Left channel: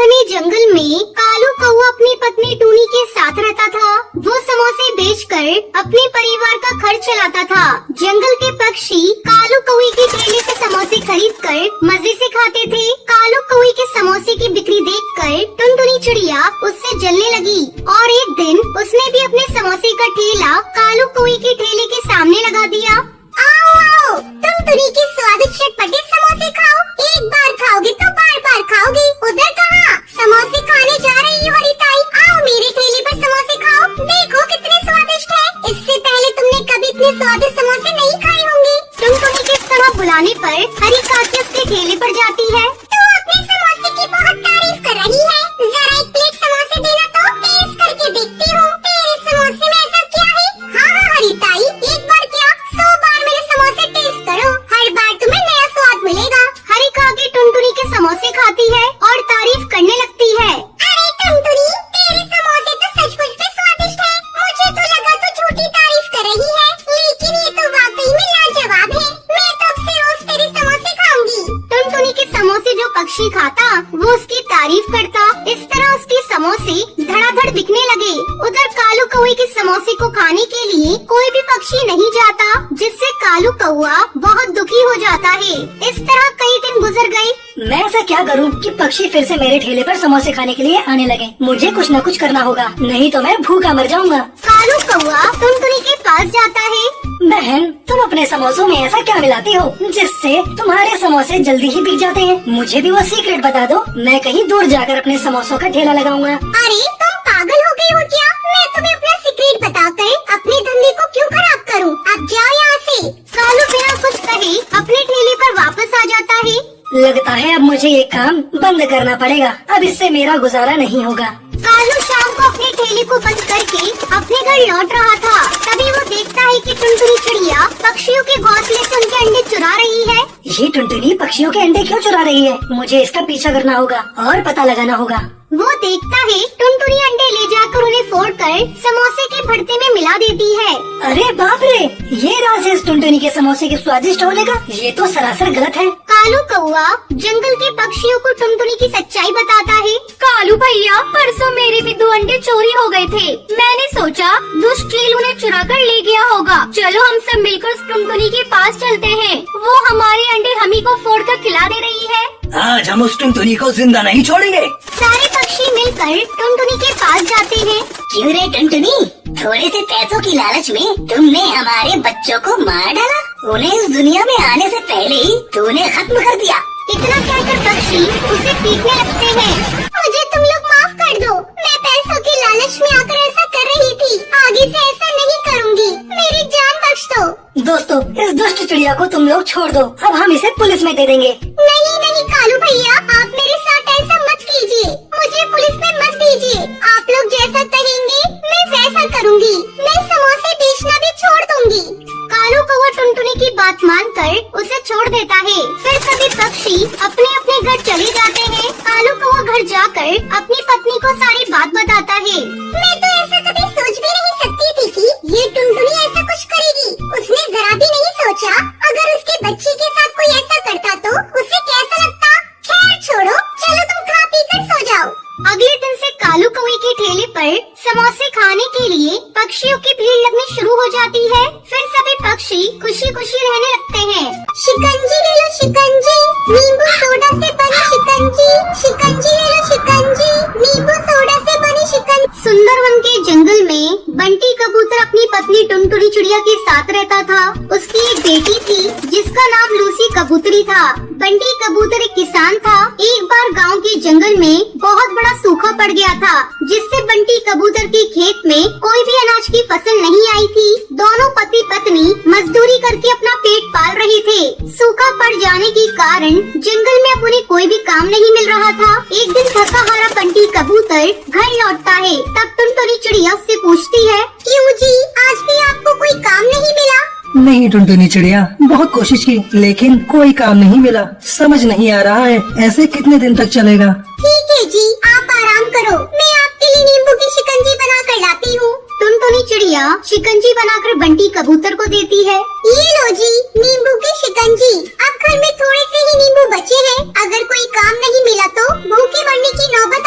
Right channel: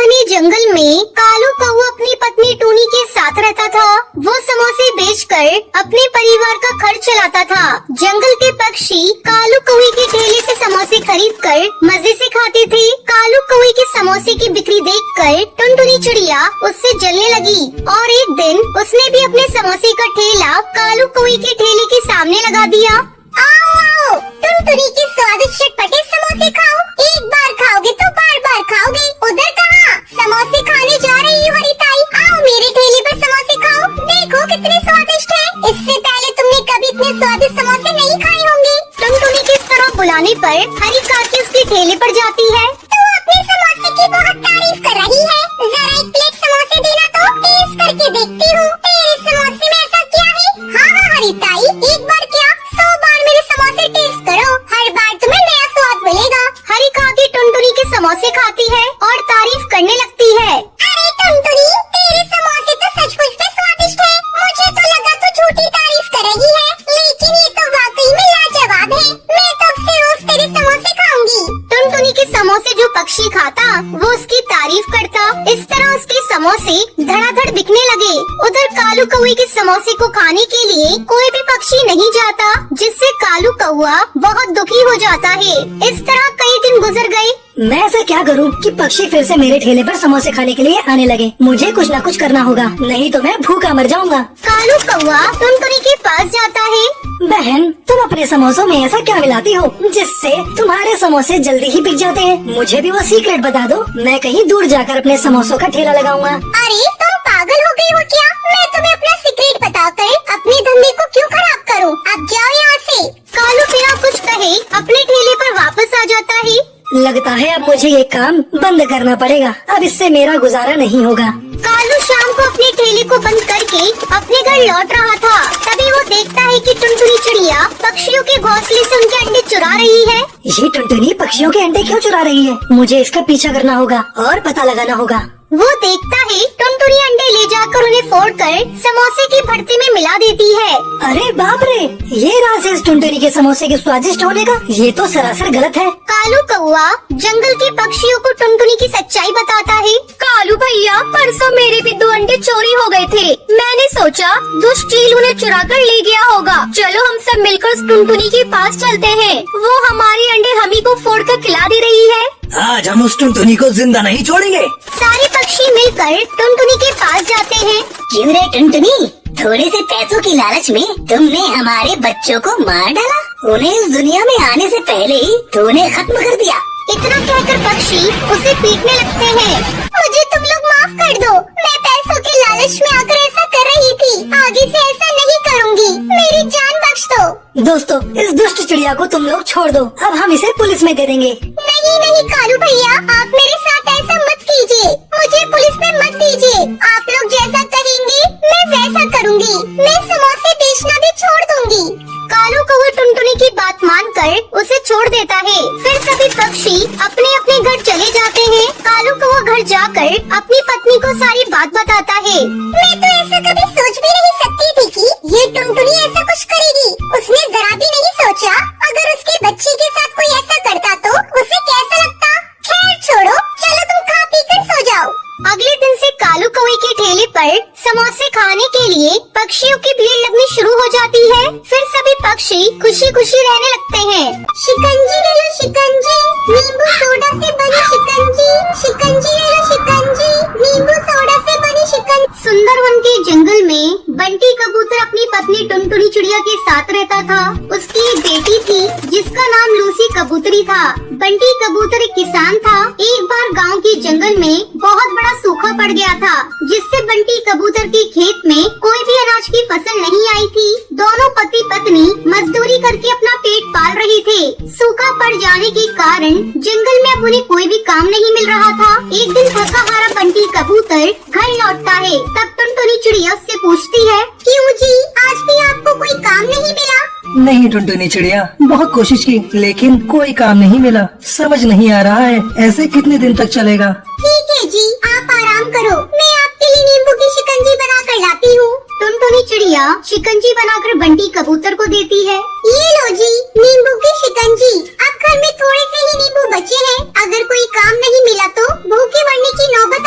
घने जंगल में कालू कौवा अपनी पत्नी टूनी के साथ रहता था। वो समोसे बेचकर अपने परिवार का खर्च चलाता था। जंगल के पक्षी कालू कौवे के ठेले से समोसे खरीदकर मजे से खाते थे। कालू कौवे के समोसे की बिक्री देखकर टुनटुनी चिड़िया उससे जलने लगी और एक दिन उसने भी अपने समोसे का ठेला कालू कौवे के ठेले के सामने लगा दिया। आओ, टुनटुनी के स्वादिष्ट चटपटे समोसे खाओ। एक बार खाओगे तो बार बार खाओगे। उधर कहाँ? समोसे खाने जा रही हूँ हरिताई। आओ मेरे ठेले पर समोसे खाओ। देखो कितने स्वादिष्ट है। इससे पहले तुमने कभी इतने स्वादिष्ट समोसे नहीं खाए होंगे। टुनटुनी के इस तरह बुलाने पर हरी काकी उसके ठेले पर जाती है। तो अपने समोसे की बहुत तारीफ कर रही है। जरा एक प्लेट समोसे देना तो टेस्ट करके देखती हूँ। तेरे समोसे में ऐसा क्या है? हाँ हरिताई, एक बार क्या 100 बार मेरे समोसे टेस्ट करो। हर बार तुम्हें नया स्वाद मिलेगा। हरी काकी टुनटुनी के समोसे खाती है और तारीफ करने लगती है। अरे टुनटुनी, तेरे समोसे तो सचमुच में स्वादिष्ट है। मुझे तो लगा तो झूठी तारीफ कर रही है, लेकिन ये तो वाकई में लाजवाब है। मैं तब से रोज तेरे समोसे खाऊंगी। टुनटुनी के समोसे जो पक्षी खाता वो उसकी तारीफ करता। इस तरह उसके समोसे धड़ाधड़ बिकने लगे। उधर कालू कौवे के समोसे को खाने के लिए कोई भी पक्षी नहीं जाता, जिससे कालू कौवा बहुत दुखी हो जाता है। इस तरह कई दिन गुजर गए। मैं ऐसा क्या करूं कि पक्षी फिर से मेरे ठेले पर समोसे खाने के लिए आने लगे। मुझे कुछ न कुछ करना होगा, नहीं तो मैं भूखा मर जाऊंगा। कालू कौवा टुनटुनी के पास जाता है। बहन, तुम अपने समोसों में ऐसा क्या मिलाती हो जिससे तुम्हारे समोसे जल्दी ही बिक जाते हैं? मुझे भी वो सीक्रेट बता दो, मैं कहीं दूर जाकर अपने समोसों का ठेला लगाऊंगा। अरे तुम पागल हो गई हो क्या? मैं तुम्हें अपना सीक्रेट बताकर अपने धंधे को क्यों खराब करूं? अब जाओ यहाँ से। कालू बिना कुछ कहे अपने ठेले पर वापस आ जाता है। लगता है अब मुझे ये काम बंद करना पड़ेगा, अब इससे मेरा गुजारा नहीं होगा। कालू शाम को अपने ठेले को बंद करके अपने घर लौट रहा था। तभी वो देखता है कि टुनटुनी चिड़िया पक्षियों के घोंसले से उनके अंडे चुरा रही है। ये टुनटुनी पक्षियों के अंडे क्यों चुरा रही है? मुझे इसका पीछा करना होगा और पता लगाना होगा। वो देखता है टुनटुनी अंडे ले जाकर उन्हें फोड़कर समोसे के भरते में मिला देती है। अरे बाप रे, ये राज है इस टुनटुनी के समोसे के स्वादिष्ट होने का। ये तो सरासर गलत है। कालू कौवा जंगल के पक्षियों को टुनटुनी की सच्चाई बताता है। कालू भैया, परसों मेरे भी 2 अंडे चोरी हो गए थे। मैंने सोचा दुष्ट चील उन्हें चुरा कर ले गया होगा। चलो हम सब मिलकर उस टुनटुनी के पास चलते हैं। वो हमारे अंडे हमी को फोड़ कर खिला दे रही है। आज हम उस टुनटुनी को जिंदा नहीं छोड़ेंगे। सारे पक्षी मिलकर टुनटुनी के पास जाते हैं। क्यों रे टुनटुनी, थोड़े से पैसों की लालच में तुमने हमारे बच्चों को मार डाला। उन्हें इस दुनिया में आने से पहले ही तूने खत्म कर दिया। इतना कहकर पक्षी उसे पीटने लगते हैं। मुझे तुम लोग माफ कर दो, मैं पैसों के लालच में आकर ऐसा कर रही थी। आगे से ऐसा नहीं करूँगी, मेरी जान बख्श दो। दोस्तों, इस दुष्ट चिड़िया को तुम लोग छोड़ दो, अब हम इसे पुलिस में दे देंगे। नहीं नहीं कालू भैया, आप मेरे साथ ऐसा मत कीजिए। मुझे पुलिस में मत दीजिए। आप लोग जैसा कहेंगे मैं वैसा करूँगी। मैं समोसे बेचना भी छोड़ दूंगी। कालू कौवा टुनटुनी की बात मानकर उसे छोड़ देता है। फिर सभी पक्षी अपने अपने घर चले जाते हैं। कालू कौवा घर जाकर अपनी पत्नी को सारी बात बताता है। मैं तो ऐसा कभी सोच भी नहीं सकती थी कि ये टुनटुनी ऐसा कुछ करेगी। उसने जरा भी नहीं सोचा अगर उसके बच्ची के साथ कोई ऐसा करता तो उसे कैसा लगता। खैर छोड़ो, चलो तुम खा पी कर सो जाओ। अगले दिन से कालू कौवे के ठेले पर समोसे खाने के लिए पक्षियों की भीड़ लगनी शुरू हो जाती है। फिर सभी पक्षी खुशी खुशी रहने लगते हैं। शिकंजी ले लो शिकंजी, नींबू सोडा से बनी शिकंजी। शिकंजी ले लो शिकंजी, नींबू सोडा से बनी शिकंजी। सुंदरवन के जंगल में बंटी कबूतर अपनी पत्नी टुनटुनी चिड़िया के साथ रहता था। उसकी एक बेटी थी जिसका नाम लूसी कबूतरी था। बंटी कबूतर एक किसान था। एक बार गांव के जंगल में बहुत बड़ा सूखा पड़ गया था, जिससे बंटी कबूतर के खेत में कोई भी अनाज की फसल नहीं आई थी। दोनों पति पत्नी मजदूरी करके अपना पेट पाल रहे थे। सूखा पड़ जाने के कारण जंगल में अब उन्हें कोई भी काम नहीं मिल रहा था। एक दिन थका हारा बंटी कबूतर घर लौटता है। तब टुनटुनी चिड़िया उससे पूछती है, क्यों जी, आज भी आपको कोई काम नहीं मिला? नहीं टुनटुनी चिड़िया, बहुत कोशिश की लेकिन कोई काम नहीं मिला। समझ नहीं आ रहा है ऐसे कितने दिन तक चलेगा। ठीक है जी, आप आराम करो, मैं आपके लिए नींबू की शिकंजी बना कर लाती हूँ। टुनटुनी चिड़िया शिकंजी बनाकर बंटी कबूतर को देती है। ये लो जी, नींबू की शिकंजी। अब घर में थोड़े से ही नींबू बचे हैं। अगर कोई काम नहीं मिला तो भूखे मरने की नौबत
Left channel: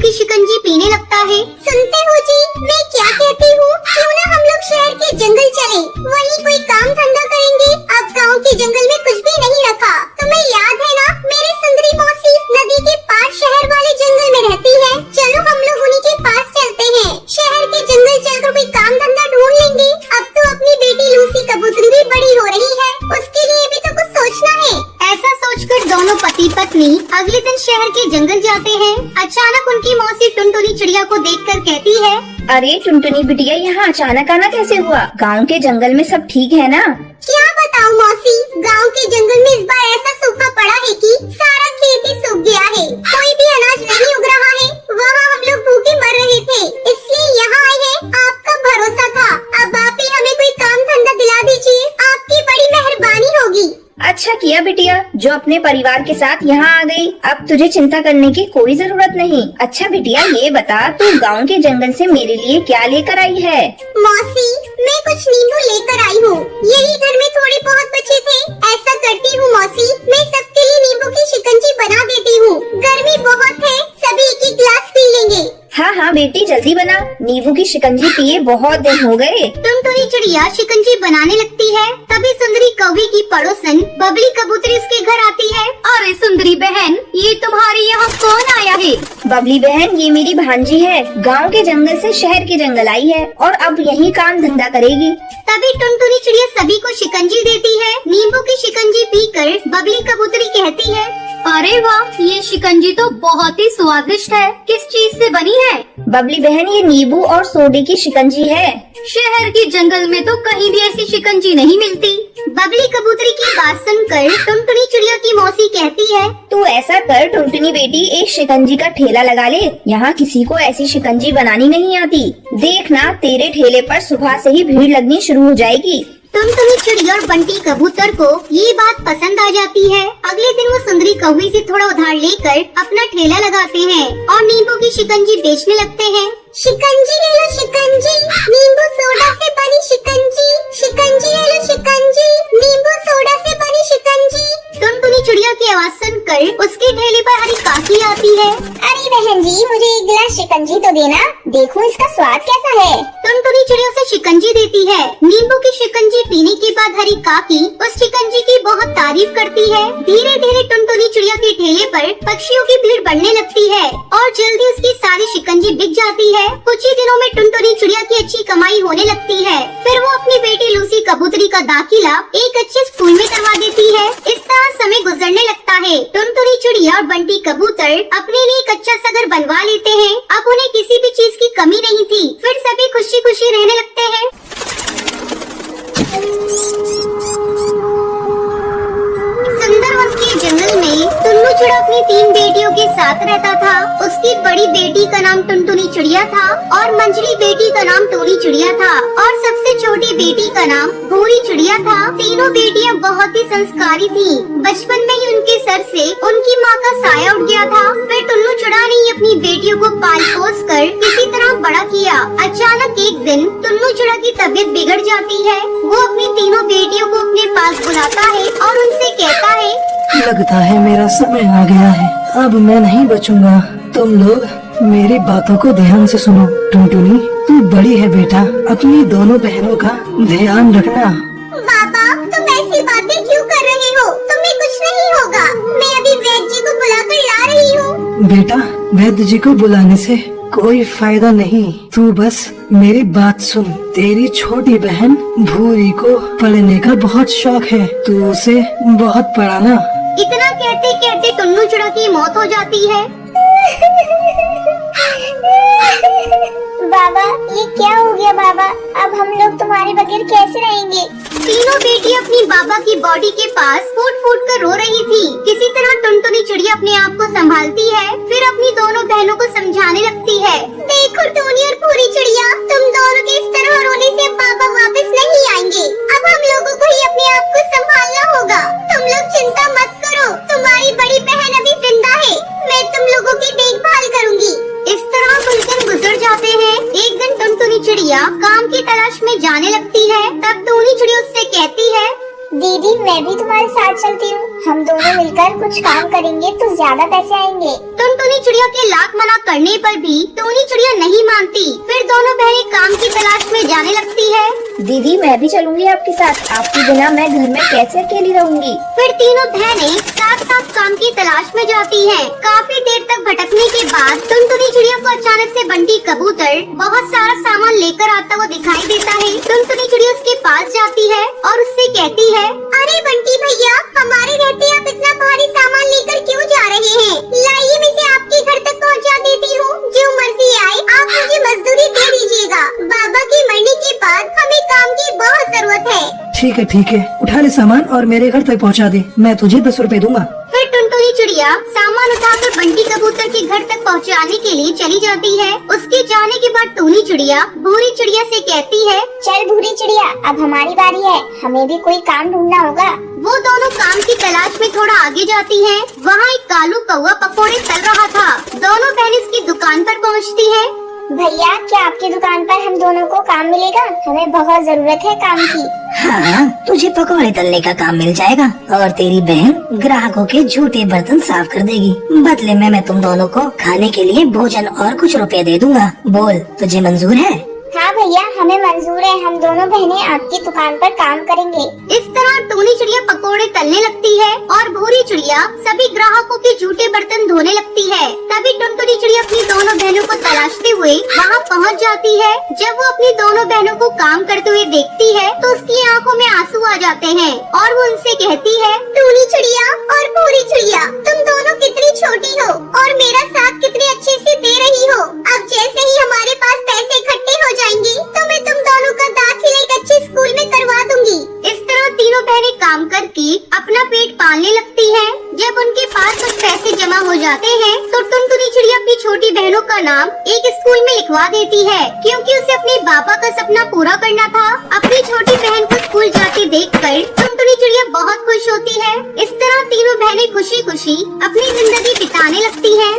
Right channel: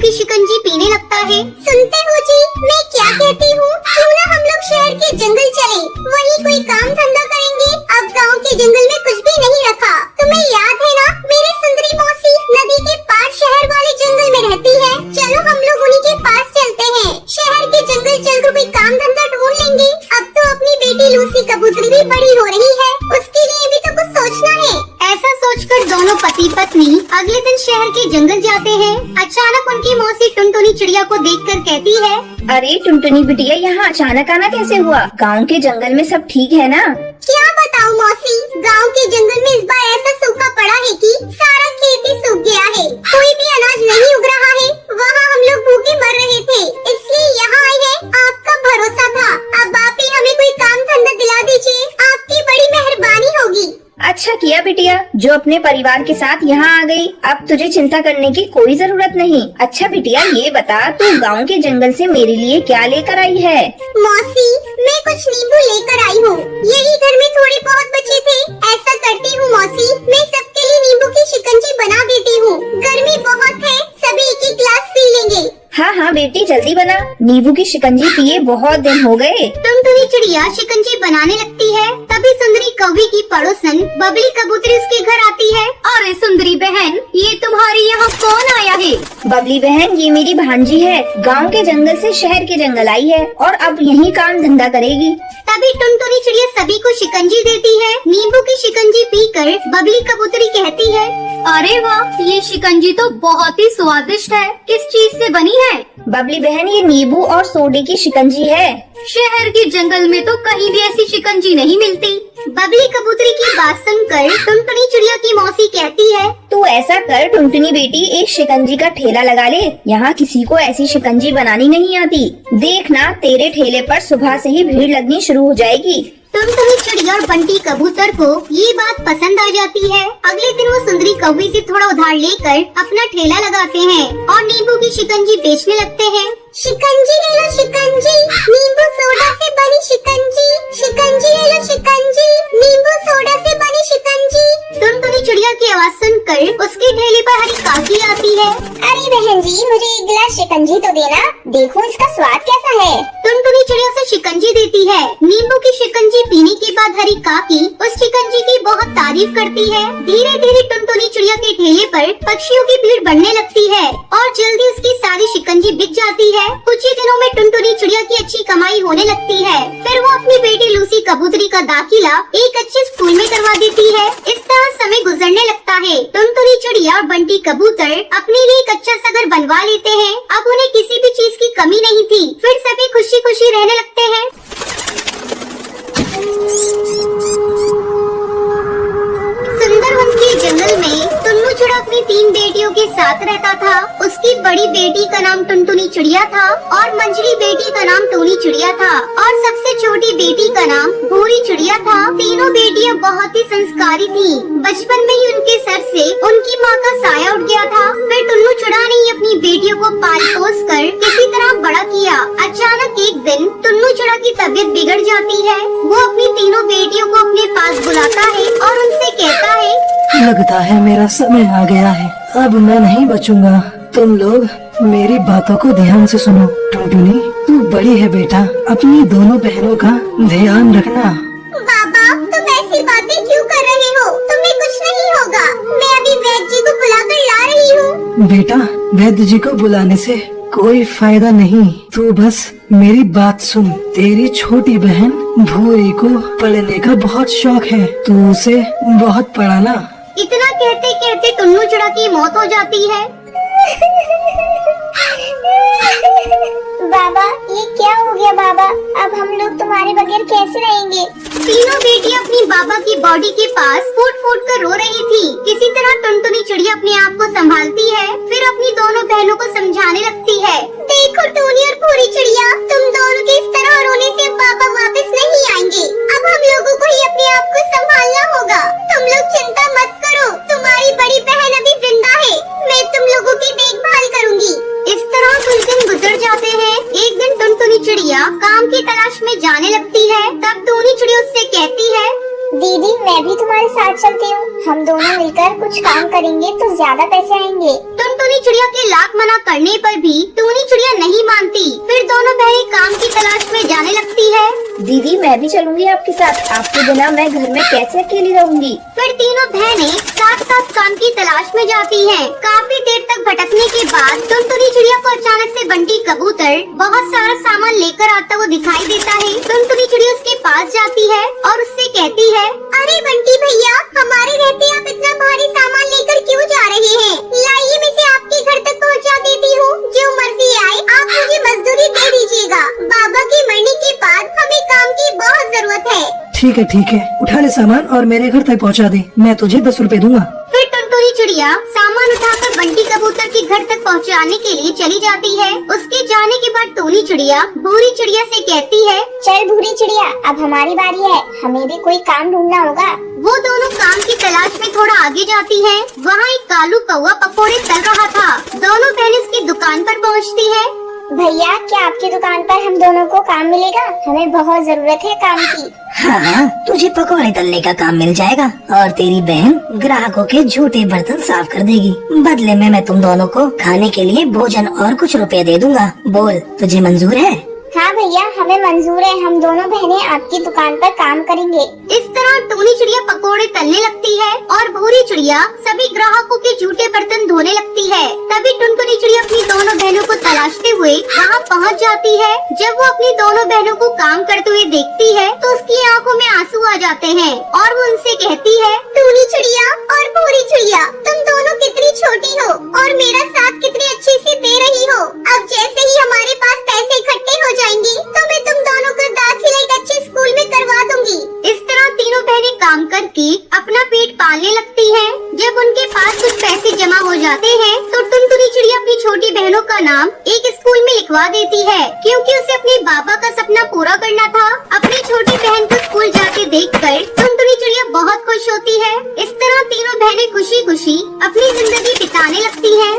की शिकंजी पीने लगता है। सुनते हो जी, मैं क्या कहती हूँ, क्यों ना हम लोग शहर के जंगल चले, वहीं कोई काम धंधा करेंगे। अब गांव के जंगल में कुछ भी नहीं रखा। तुम्हें याद है ना, मेरी सुंदरी मौसी नदी के पार शहर वाले जंगल में रहती है। चलो हम लोग उन्हीं के पास चलते हैं। शहर के जंगल चलकर कोई काम धंधा ढूंढ लेंगे। अब तो अपनी बेटी लूसी कबूतरी भी बड़ी हो रही है, उसके लिए भी तो कुछ सोचना है। ऐसा सोचकर दोनों पति पत्नी अगले दिन शहर के जंगल जाते हैं। अचानक उनकी मौसी टुनटुनी चिड़िया को देखकर कहती है, अरे टुनटुनी बिटिया, यहाँ अचानक आना कैसे हुआ? गांव के जंगल में सब ठीक है ना? क्या बताऊँ मौसी, गांव के जंगल में इस बार ऐसा सूखा पड़ा है कि सारा खेत ही सूख गया है। कोई भी अनाज नहीं उग रहा है। वहाँ हम लोग भूखे मर रहे थे, इसलिए यहाँ आए हैं। आपका भरोसा था, अब आप ही हमें कोई काम धंधा दिला दीजिए, आपकी बड़ी मेहरबानी होगी। अच्छा किया बिटिया, जो अपने परिवार के साथ यहाँ आ गई। अब तुझे चिंता करने की कोई जरूरत नहीं। अच्छा बिटिया, ये बता तू गांव के जंगल से मेरे लिए क्या लेकर आई है? मौसी, मैं कुछ नींबू लेकर आई हूँ। यही घर में थोड़े बहुत बचे थे। ऐसा करती हूँ मौसी, मैं सबके लिए नींबू की शिकंजी बना देती हूँ। गर्मी बहुत है, सभी एक एक गिलास पी लेंगे। हाँ हाँ बेटी, जल्दी बना। नींबू की शिकंजी पिए बहुत दिन हो गए। टुनटुनी चिड़िया शिकंजी बनाने लगती है। तभी सुंदरी कौवी की पड़ोसन बबली कबूतरी उसके घर आती है। अरे सुंदरी बहन, ये तुम्हारे यहाँ कौन आया है? बबली बहन, ये मेरी भांजी है। गांव के जंगल से शहर के जंगल आई है और अब यही काम धंधा करेगी। तभी टुनटुनी चिड़िया सभी को शिकंजी देती है। नींबू की शिकंजी पीकर बबली कबूतरी कहती है, अरे वाह, ये शिकंजी तो बहुत ही स्वादिष्ट है। किस चीज से बनी है? बबली बहन, ये नींबू और सोडे की शिकंजी है। शहर के जंगल में तो कहीं भी ऐसी शिकंजी नहीं मिलती। बबली कबूतरी की बात सुनकर टुनटुनी चिड़िया की मौसी कहती है, तो ऐसा कर टुनटुनी बेटी, एक शिकंजी का ठेला लगा ले। यहाँ किसी को ऐसी शिकंजी बनानी नहीं आती। देखना, तेरे ठेले पर सुबह से ही भीड़ लगनी शुरू हो जाएगी। टुनटुनी चिड़िया और बंटी कबूतर को ये बात पसंद आ जाती है। अगले दिन वो सुंदरी कौवी से थोड़ा उधार लेकर अपना ठेला लगाते हैं और नींबू की शिकंजी बेचने लगते हैं। शिकंजी ले लो शिकंजी, नींबू सोडा से बनी शिकंजी। शिकंजी ले लो शिकंजी, नींबू सोडा से बनी शिकंजी। टुनटुनी चिड़िया की आवाज सुनकर उसके ठेले पर हरी काकी आती है। अरे बहन जी, मुझे एक गिलास शिकंजी तो देना, देखो इसका स्वाद कैसा है। टुनटुनी चिड़िया उसे शिकंजी देती है। नींबू की शिकंजी पीने के बाद हरी काकी उस शिकंजी की बहुत तारीफ करती है। धीरे धीरे टुनटुनी चिड़िया के ठेले पर पक्षियों की भीड़ बढ़ने लगती है और जल्दी उसकी सारी शिकंजी बिक जाती है। कुछ ही दिनों में टुनटुनी चिड़िया की अच्छी कमाई होने लगती है। फिर वो अपनी बेटी लूसी कबूतरी का दाखिला एक अच्छे स्कूल में करवा देती है। इस तरह समय गुजरने लगता है। टुनटुनी चिड़िया और बंटी कबूतर अपने लिए एक अच्छा सा घर बनवा लेते हैं। अब उन्हें किसी भी चीज की कमी नहीं थी। फिर सभी खुशी खुशी रहने लगते हैं। सुंदरवन के जंगल में टुन्नू चिड़ा अपनी 3 बेटियों के साथ रहता था। उसकी बड़ी बेटी का नाम टुनटुनी चिड़िया था और मंझली बेटी का नाम टोनी चिड़िया था और सबसे छोटी बेटी का नाम भूरी चिड़िया था। तीनों बेटियां बहुत ही संस्कारी थीं। बचपन में ही उनके सर से उनकी माँ का साया उठ गया था। फिर टुन्नू चिड़ा ने ही अपनी बेटियों को पाल पोस कर किसी तरह बड़ा किया। अचानक एक दिन टुन्नू चिड़ा की तबीयत बिगड़ जाती है। वो अपनी तीनों बेटियों को अपने पास बुलाता है और उनसे कहता है, लगता है मेरा समय आ गया है, अब मैं नहीं बचूंगा। तुम लोग मेरी बातों को ध्यान से सुनो। टुनटुनी, तू बड़ी है बेटा, अपनी दोनों बहनों का ध्यान रखना। बाबा, तुम ऐसी बातें क्यों कर रहे हो? तुम्हें कुछ नहीं होगा। मैं अभी वैद्य जी को बुलाकर ला रही हूँ। बेटा, वैद्य जी को बुलाने से कोई फायदा नहीं। तू बस मेरी बात सुन। तेरी छोटी बहन भूरी को पढ़ने का बहुत शौक है, तू उसे बहुत पढ़ाना। इतना कहते कहते टुन्नू चिड़ा की मौत हो जाती है। बाबा, ये क्या हो गया बाबा? अब हम लोग तुम्हारे बगैर कैसे रहेंगे? तीनों बेटियां अपनी बाबा की बॉडी के पास फूट फूट कर रो रही थी। किसी तरह टुनटुनी चिड़िया अपने आप को संभालती है। फिर अपनी दोनों बहनों को समझाने लगती है, देखो टोनी और पूरी चिड़िया, तुम दोनों के इस तरह रोने से बाबा वापस नहीं आएंगे। अब हम लोगों को ही अपने आप को संभालना होगा। तुम लोग चिंता मत करो, तुम्हारी बड़ी बहन अभी जिंदा है। मैं तुम लोगों की देखभाल करूंगी। इस तरह कुछ दिन गुजर जाते हैं। एक दिन टुनटुनी चिड़िया काम की तलाश में जाने लगती है। तब टोनी चिड़िया उससे कहती है, दीदी, मैं भी तुम्हारे साथ चलती हूँ। हम दोनों मिलकर कुछ काम करेंगे तो ज्यादा पैसे आएंगे। टुनटुनी चिड़िया के लाख मना करने पर भी टूनी चिड़िया नहीं मानती। फिर दोनों बहनें काम की तलाश में जाने लगती है। दीदी मैं भी चलूंगी आपके साथ, आपके बिना मैं घर में कैसे अकेली रहूंगी। फिर तीनों बहनें साथ साथ काम की तलाश में जाती हैं। काफी देर तक भटकने के बाद टुनटुनी चिड़िया को अचानक से बंटी कबूतर बहुत सारा सामान लेकर आता हुआ दिखाई देता है। टुनटुनी चिड़िया उसके पास जाती है और उससे कहती है, अरे बंटी भैया, हमारे रहते आप इतना भारी सामान लेकर क्यों जा रहे हैं? लाइए मैं इसे आपके घर तक पहुंचा देती हूँ। जो मर्जी आए आप मुझे मजदूरी दे दीजिएगा। बाबा के मरने के बाद हमें काम की बहुत जरूरत है। ठीक है, उठा ले सामान और मेरे घर तक पहुंचा दे। मैं तुझे 10 रुपए दूंगा। फिर टुनटुनी चिड़िया सामान उठाकर बंटी कबूतर के घर तक पहुंचाने के लिए चली जाती है। उसके जाने के बाद टूनी चिड़िया भूरी चिड़िया से कहती है, चल भूरी चिड़िया, अब हमारी बारी है। हमें भी कोई काम ढूंढना होगा। वो दोनों काम की तलाश में थोड़ा आगे जाती हैं। वहाँ एक कालू कौवा पकौड़े तल रहा था। दोनों बहनें इसकी दुकान पर पहुँचती है। भैया, क्या आपकी दुकान पर हम दोनों को काम मिलेगा? हमें बहुत जरूरत है काम की। हाँ, तुझे पकौड़े तलने का काम मिल जाएगा और तेरी बहन ग्राहकों के झूठे बर्तन साफ कर देगी। बदले में मैं तुम दोनों को खाने के लिए भोजन और कुछ रुपए दे दूंगा। बोल, तुझे मंजूर है? हाँ भैया, हमें मंजूर है। हम दोनों बहनें आपकी दुकान पर काम करेंगे। इस तरह टूनी चिड़िया पकोड़े तलने लगती है और भूरी चिड़िया सभी ग्राहकों के झूठे बर्तन धोने लगती है। तभी टुनटुनी चिड़िया अपनी दोनों बहनों को तलाशते हुए वहाँ पहुँच जाती है। जब वो अपनी दोनों बहनों को काम करते हुए देखती है तो उसकी आंखों में आंसू आ जाते हैं और वो उनसे कहती है, टूनी चिड़िया और भूरी चिड़िया, तुम दोनों कितनी छोटी हो और मेरा साथ कितने अच्छे से दे रही हो। अब जैसे ही हमारे पास पैसे इकट्ठे हो जाएंगे तो मैं तुम दोनों का दाखिला एक अच्छे स्कूल में करवा दूंगी। इस तरह तीनों बहनें काम करके अपना पेट पालने लगती है। जब उनके पास कुछ पैसे जमा हो जाते हैं तो टुनटुनी चिड़िया अपनी छोटी बहनों का नाम एक स्कूल में लिखवा देती है, क्योंकि उसे अपने बाबा का सपना पूरा करना था। अपनी छोटी बहन को स्कूल जाते देखकर टुनटुनी चिड़िया बहुत खुश होती है। इस तरह तीनों बहनें खुशी खुशी अपनी जिंदगी बिताने लगती हैं।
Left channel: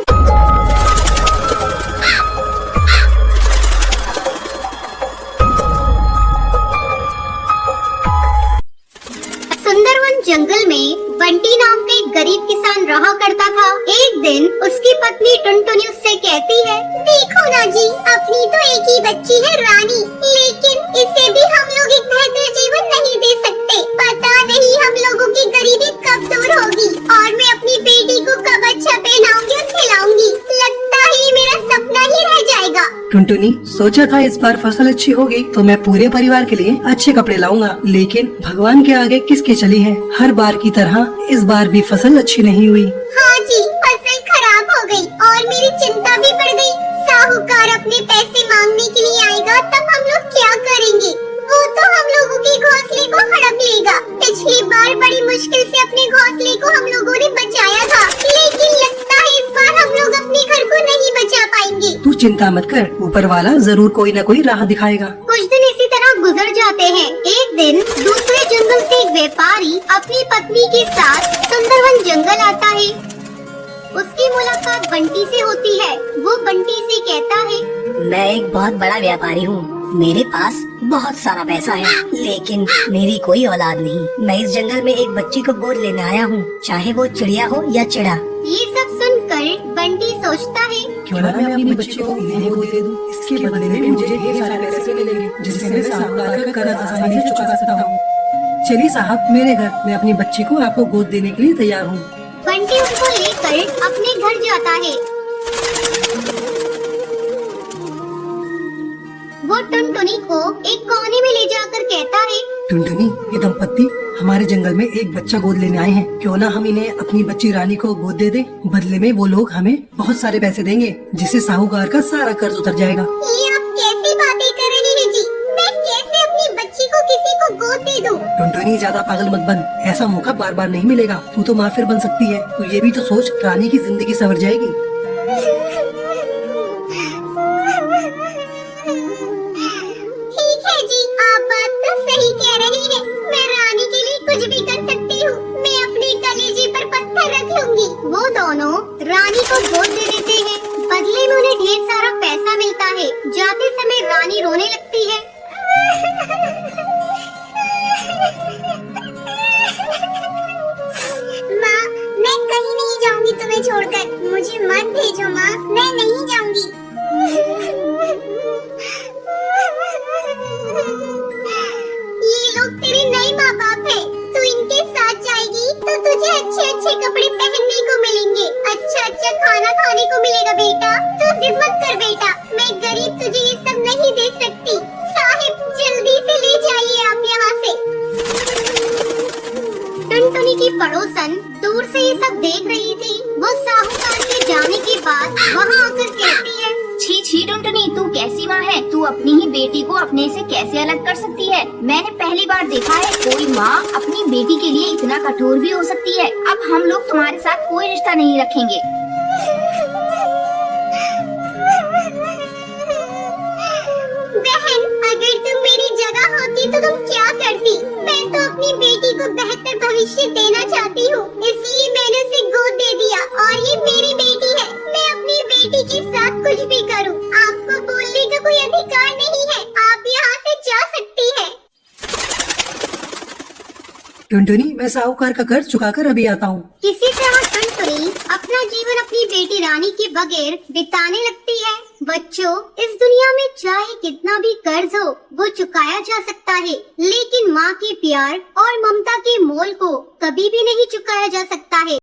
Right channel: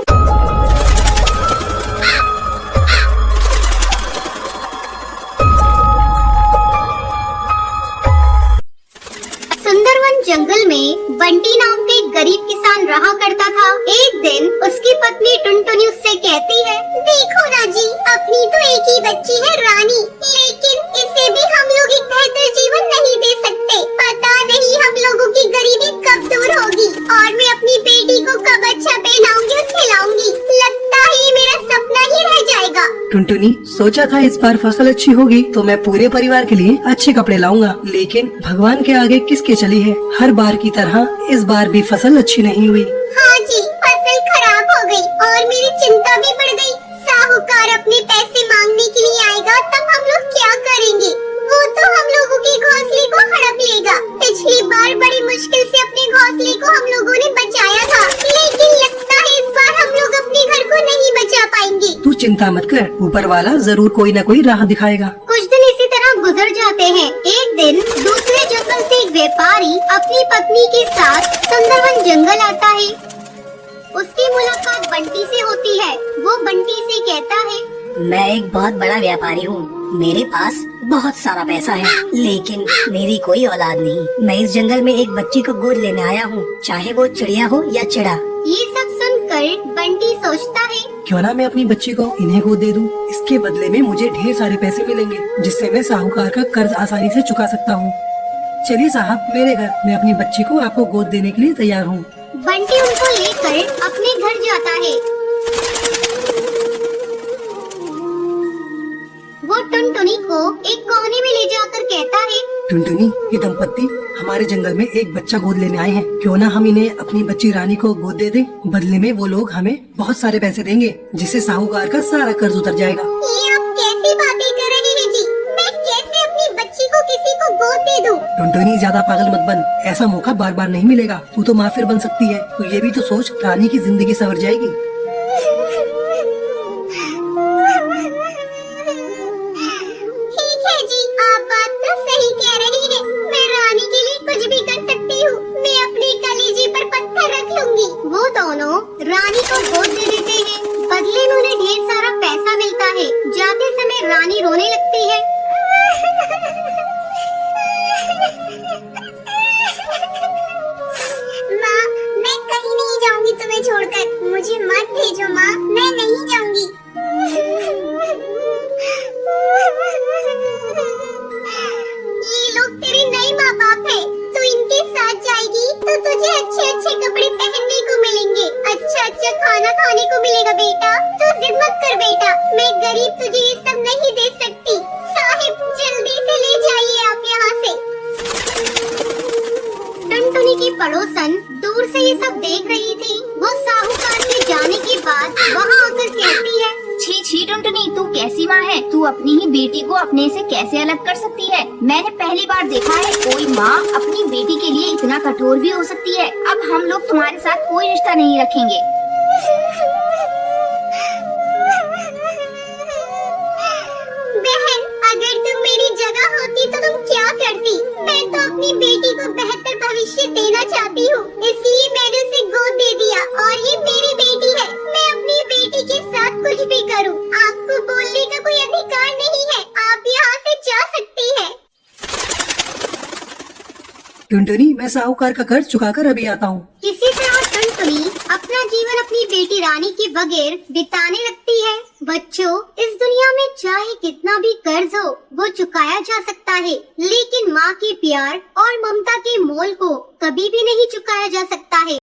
सुंदरवन जंगल में बंटी नाम का एक गरीब किसान रहा करता था। एक दिन उसकी पत्नी टुनटुनी उससे कहती है, देखो ना जी, अपनी तो एक ही बच्ची है रानी, लेकिन इसे भी हम लोग एक बेहतर जीवन नहीं दे सकते। पता नहीं हम लोगों की गरीबी कब दूर होगी और मैं अपनी बेटी को कब अच्छा पहनाऊंगी और खिलाऊंगी। लगता ही मेरा सपना ही रह जाएगा। टुनटुनी, सोचा था इस बार फसल अच्छी होगी तो मैं पूरे परिवार के लिए अच्छे कपड़े लाऊंगा, लेकिन भगवान के आगे किसके चली है। हर बार की तरह इस बार भी फसल अच्छी नहीं हुई। हाँ जी, फसल खराब हो गई और मेरी चिंता भी बढ़ गई। साहूकार अपने पैसे मांगने के लिए आएगा, तब हम लोग क्या करेंगे? वो तो हम लोगों के घोंसले को हड़प लेगा। पिछली बार बड़ी मुश्किल से अपने घोंसले को हम लोगों ने बचाया था, लेकिन लगता है इस बार हम लोग अपने घर को नहीं बचा पाएंगे। तू चिंता मत कर, ऊपर वाला जरूर कोई न कोई राह दिखाएगा। कुछ दिन इसी तरह गुजर जाते हैं। एक दिन दूसरे जंगल से एक व्यापारी अपनी पत्नी के साथ सुंदरवन जंगल आता है। उसकी मुलाकात बंटी से होती है। वो बंटी से कहता है, मैं एक बहुत बड़ा व्यापारी हूँ। मेरे पास बहुत सारा पैसा है, लेकिन मेरी कोई औलाद नहीं। मैं इस जंगल में एक बच्ची को गोद लेने आया हूँ, चाहे वो चिड़िया हो या चिड़ा। ये सब सुनकर बंटी सोचता है, क्यों ना मैं अपनी बच्ची को इन्हें गोद दे दूं। इसके बदले में मुझे ढेर सारे पैसे मिलेंगे, जिससे मैं साहूकार का कर्ज आसानी से चुका सकता हूँ। चलिए साहब, मेरे घर, मैं अपनी बच्ची को आपको गोद देने के लिए तैयार हूँ। बंटी उनको लेकर अपने घर जाता है। वो टुनटुनी को एक कोने में ले जाकर कहता है, टुनटुनी, ये दंपत्ति हमारे जंगल में एक बच्चा गोद लेने आए हैं। क्यों ना हम इन्हें अपनी बच्ची रानी को गोद दे दें। बदले में वो लोग हमें बहुत सारे पैसे देंगे, जिससे साहूकार का सारा कर्ज उतर जाएगा। ये आप कैसी बातें कर रहे हैं जी? मैं कैसे अपनी बच्ची को किसी को गोद दे दूं? टुनटुनी, ज्यादा पागल मत बन। ऐसा मौका बार बार नहीं मिलेगा। तू तो माफिर बन सकती है, तो ये भी तो सोच, रानी की जिंदगी संवर जाएगी। ठीक है जी, आप बात तो सही कह रही हैं। मैं रानी के लिए कुछ भी कर सकती हूँ। मैं अपने कलेजे पर पत्थर रख लूंगी। वो दोनों रानी को गोद दे देते हैं। बदले में उन्हें ढेर सारा पैसा मिलता है। जाते समय रानी रोने लगती है। मुझे मत भेजो माँ, मैं नहीं जाऊंगी। ये लोग तेरे नए माँ बाप है, तू इनके साथ जाएगी तो तुझे अच्छे अच्छे कपड़े पहनने को मिलेंगे, अच्छा अच्छा खाना खाने को मिलेगा बेटा। तू जिद मत कर बेटा, मैं गरीब तुझे ये सब नहीं दे सकती। साहिब जल्दी से ले जाइए आप यहाँ से। टुनटुनी की पड़ोसन दूर से ये सब देख रही थी। वो साहूकार के जाने के बाद वहाँ आकर कहती है, छी छी टुनटुनी, तू कैसी माँ है? तू अपनी ही बेटी को अपने से कैसे अलग कर सकती है? मैंने पहली बार देखा है कोई माँ अपनी बेटी के लिए इतना कठोर भी हो सकती है। अब हम लोग तुम्हारे साथ कोई रिश्ता नहीं रखेंगे। बहन, अगर तुम मेरी जगह होती तो तुम क्या करती? मैं तो अपनी बेटी को बेहतर भविष्य देना चाहती हूँ, इसलिए मैंने उसे गोद दे दिया और ये मेरी बेटी है। मैं अपनी बेटी के साथ कुछ भी करूँ, आपको बोलने का कोई अधिकार नहीं है। आप यहाँ से जा सकती है। टुनटुनी, मैं साहूकार का कर्ज चुकाकर अभी आता हूँ। इसी तरह टुनटुनी अपना जीवन अपनी बेटी रानी के बगैर बिताने लगती है। बच्चों, इस दुनिया में चाहे कितना भी कर्ज हो वो चुकाया जा सकता है, लेकिन माँ के प्यार और ममता के मोल को कभी भी नहीं चुकाया जा सकता है।